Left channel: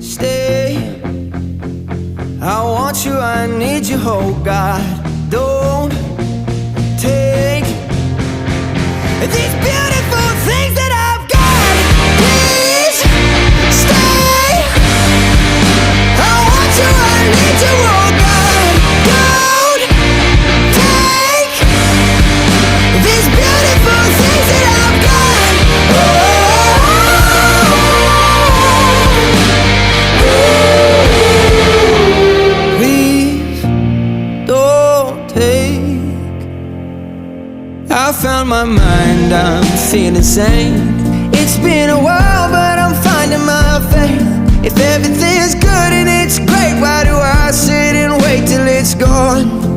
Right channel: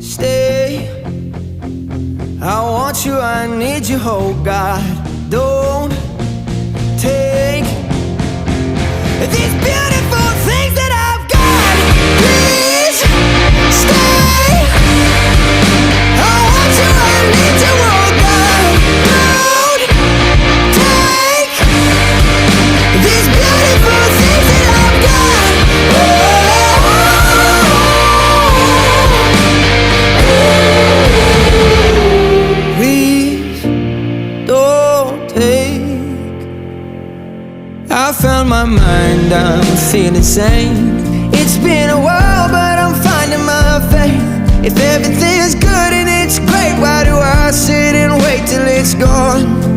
Stay, I want you, I need you, oh God. Don't take these beautiful things that I've got. Please stay, I want you, I need you, oh God. Don't take these beautiful things that I've got. Please don't take. I found my mind, I'm feeling sane. It's been a while, but I'm finding my faith. If everything's good and it's great, why do I sit and wait till it's gone?